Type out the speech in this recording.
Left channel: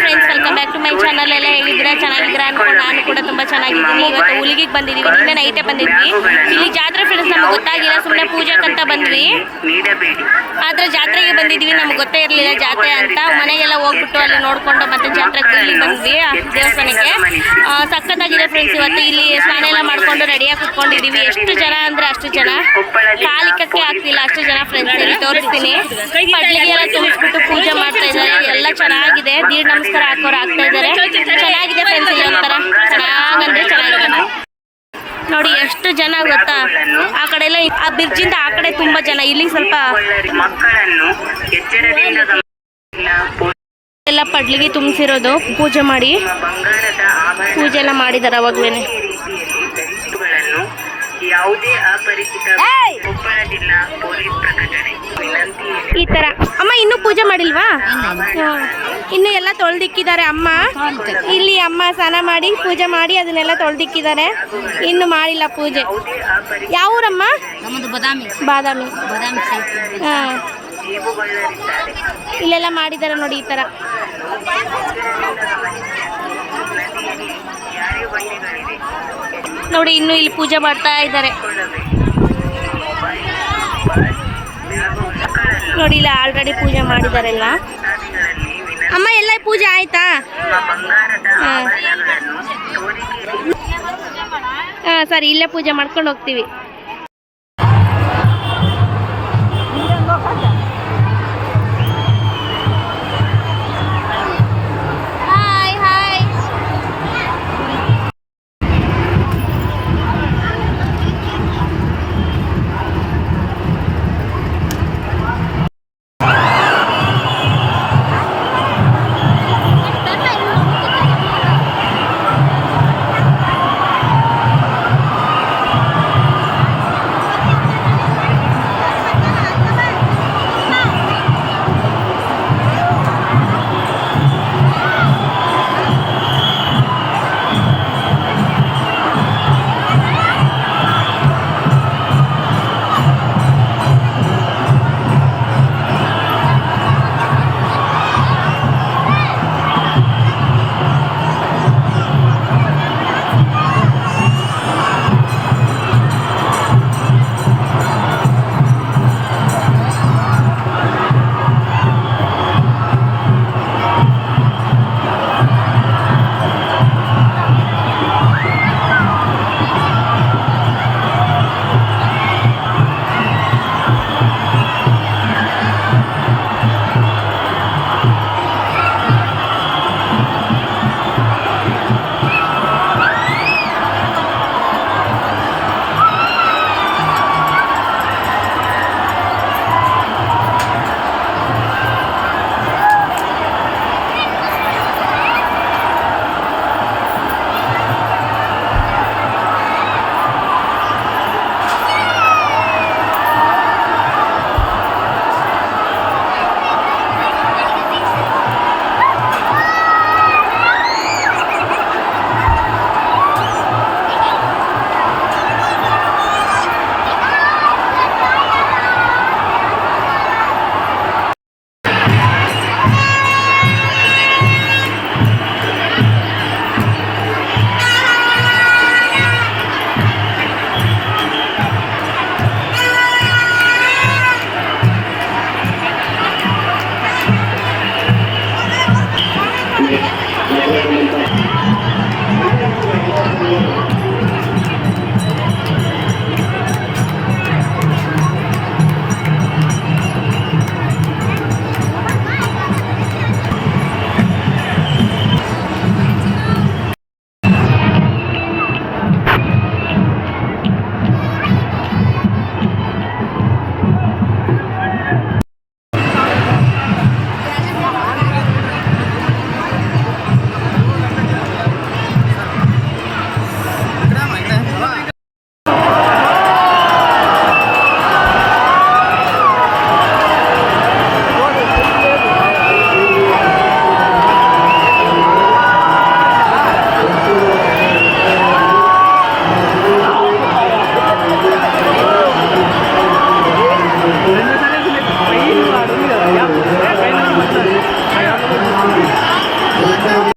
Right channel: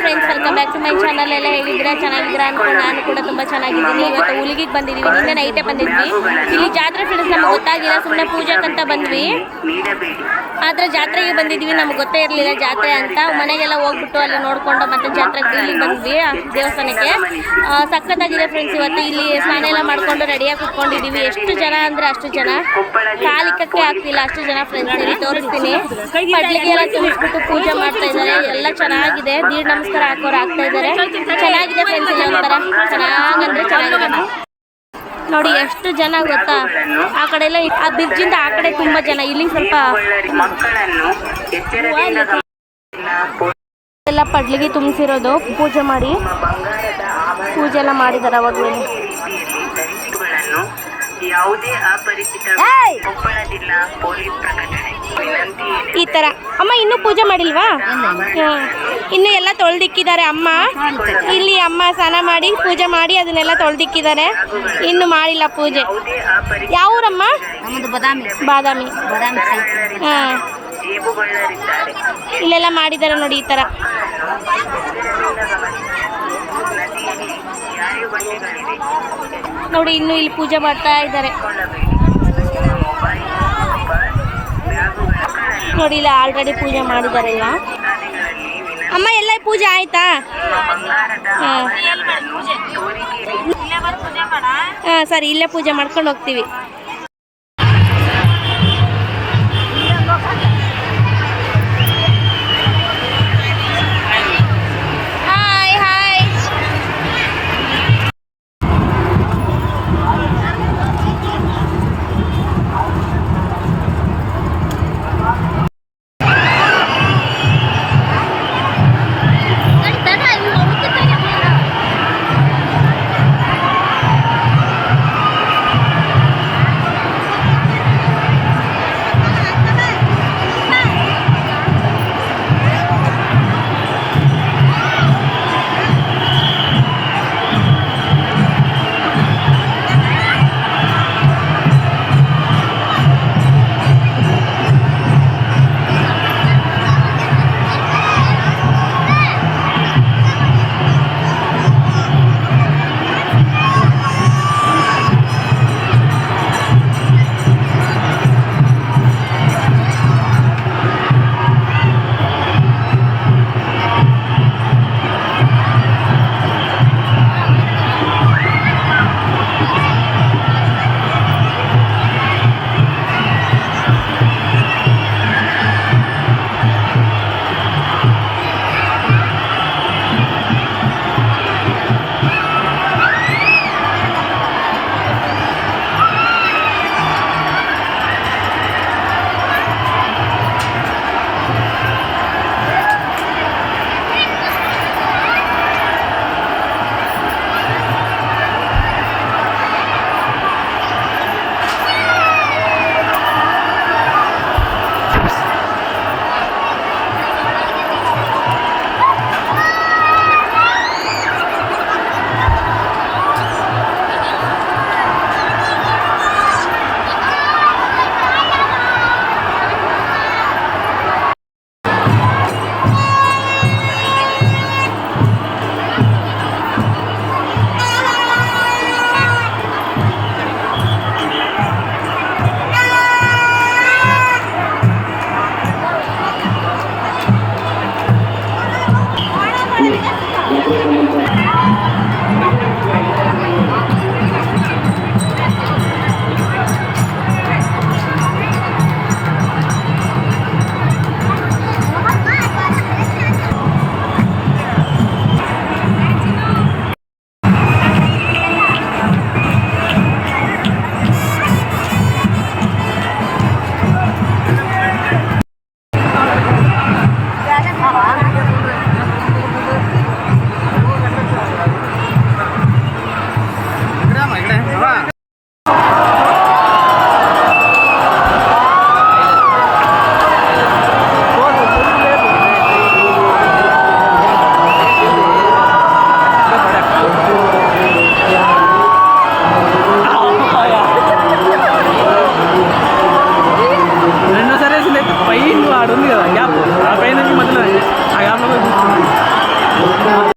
Friends welcome back to my channel ಎಲ್ಲ ಹೇಗಿದ್ದೀರಾ? ಚೆನ್ನಾಗಿದ್ದೀರಾ ಅನ್ಕೊಂಡು ನಾನು ಕೂಡ ತುಂಬ ಚೆನ್ನಾಗಿದ್ದೀನಿ. ಇವತ್ತು ಹುಲಿಗಿಗೆ ಬಂದಿದ್ದೀವಿ ನಿನ್ನೆ ನೈಟೇ ಬಂದಿದ್ವಿ. ಇಲ್ಲಿ ಜಾತ್ರೆ ಫ್ರೆಂಡ್ಸ್ ನಮಗೆ ಗೊತ್ತಾಗಿಲ್ಲ. ಸುಮ್ಮನೆ ಪೂಜೆಗಂತ ಬಂದ್ವಿ. ಆದರೆ ಜಾತ್ರೆಗೆ ಬಂದಿದ್ವಿ. ನಮ್ಗೆ ಗೊತ್ತೇ ಇರಲಿಲ್ಲ ಜಾತ್ರೆ ಅಂತ. ಮನೆಗೆಲ್ಲ ಹೋಗ್ಬಿಟ್ಟು ಅಲ್ಲಿ ನೋಡ್ಕೊಂಡು ಮತ್ತೆ ಜಾತ್ರೆಗೆ ಇಲ್ಲಿಗೆ ಬಂದ್ವಿ ದೇವಸ್ಥಾನಕ್ಕೆ. ಸಖತ್ತಾಗಿದೆ ಫ್ರೆಂಡ್ಸ್ ಇವತ್ತು. ಇಲ್ಲಿ ಸ್ನಾನ ಎಲ್ಲ ಮಾಡ್ಕೊಂಡು ರೆಡಿಯಾಗಿ ಕುತ್ಕೊಂಡಿದ್ದೀವಿ ಎಷ್ಟು ಜನ ಅಂದರೆ ಅಷ್ಟು ಜನ. ಕಾಲಿಕಕ್ಕೆ ಆಗ್ತಿಲ್ಲ. ಅಷ್ಟು ಜನ ಫ್ರೆಂಡ್ಸ್ ಇಲ್ಲಿ ತೋರಿಸ್ತೀನಿ. ಪಡ್ಲಿಗೆ ಎಲ್ಲ ತುಂಬಿಸ್ಬಿಟ್ಟು ಪೂಜೆ ಮಾಡ್ತಾ ಇದ್ದಾರೆ. ಎಲ್ಲ ಚೆನ್ನಾಗಿದೆ. ದೀಡ್ ನಮಸ್ಕಾರ ಹಾಕೋರು ಹಾಕ್ತಾ ಇದ್ದಾರೆ. ಚೆನ್ನಾಗಿದೆ ಫ್ರೆಂಡ್ಸ್ ಇಲ್ಲಿ ಒಂಥರ. ಚೆನ್ನಾಗಂದ್ರೆ ಚೆನ್ನಾಗಿದೆ. ನೋಡಿ ಎಷ್ಟು ಜನ ಗೊತ್ತಾ? ಆ ಕಡೆ ಎಲ್ಲ ಆ ಬ್ರಿಡ್ಜಿಂದ ಆ ಕಡೆ ತುಂಬಾ ಜನ. ಇಲ್ಲಿ ಸ್ವಲ್ಪ. ಎಲ್ಲ ಪಡ್ಲಿಗೆ ತುಂಬಿಸಿರೋದು. ಪೂಜೆ ಮಾಡಿ. ಪೂಜೆ ಎಲ್ಲ ಮಾಡಿದಾರೆ ಅವಾಗ್ಲೇನೆ. ಯಾವುದೇ ಅಪರಿಚಿತ ಕೊಪ್ಪಳ ಜಿಲ್ಲಾ ಪೊಲೀಸ್ ಪ್ರಕಟಣೆ ಈ ತರ. ಅಮ್ಮ ಇನ್ನೂ ಪೂಜೆ ಮಾಡಿಲ್ವಾ. ಇನ್ನು ಎಲ್ಲ ತೊಳ್ದಿಕ್ಕಿದ್ದಾರೆ ಅಮ್ಮ. ಇಲ್ಲಿ ಅಮ್ಮ ಸ್ನಾನ ಮಾಡಿ ಪೂಜೆ ಮಾಡಿ ಅದನ್ನೆಲ್ಲ ತೊಳ್ದಿಕ್ಕಿದ್ದಾರೆ. ಇನ್ನು ಮಾಡಿಲ್ಲ ಪೂಜೆ. ಯಾವ ಊರಮ್ಮ? ಬದಾಮಿ. ಬಾದಾಮಿ. ಹಾ. ಇಲ್ಲೆಲ್ಲ ಮಾಡಿದ್ದಾರೆ ನೋಡಿ ಈ ತರ. ನೋಡಿ ಇನ್ನು ಇಲ್ಲಿ ಪೂಜೆ ಮಾಡ್ತಾ ಇದ್ದಾರೆ. ನೋಡಿ ಇಲ್ಲ ಆಲ್ರೆಡಿ ಪೂಜೆ ಮಾಡಿದಾರೆಲ್ಲ ಅಮ್ಮ ಎಲ್ಲ ಪೂಜೆ ಆಯ್ತಾ? ಹಾಂ. ಹಾಂ ಸರಿ ಇಲ್ಲೇ ಪೂಜೆ ಮಾಡ್ಕೊಂಡು ಹೋಗ್ತೀವಿ.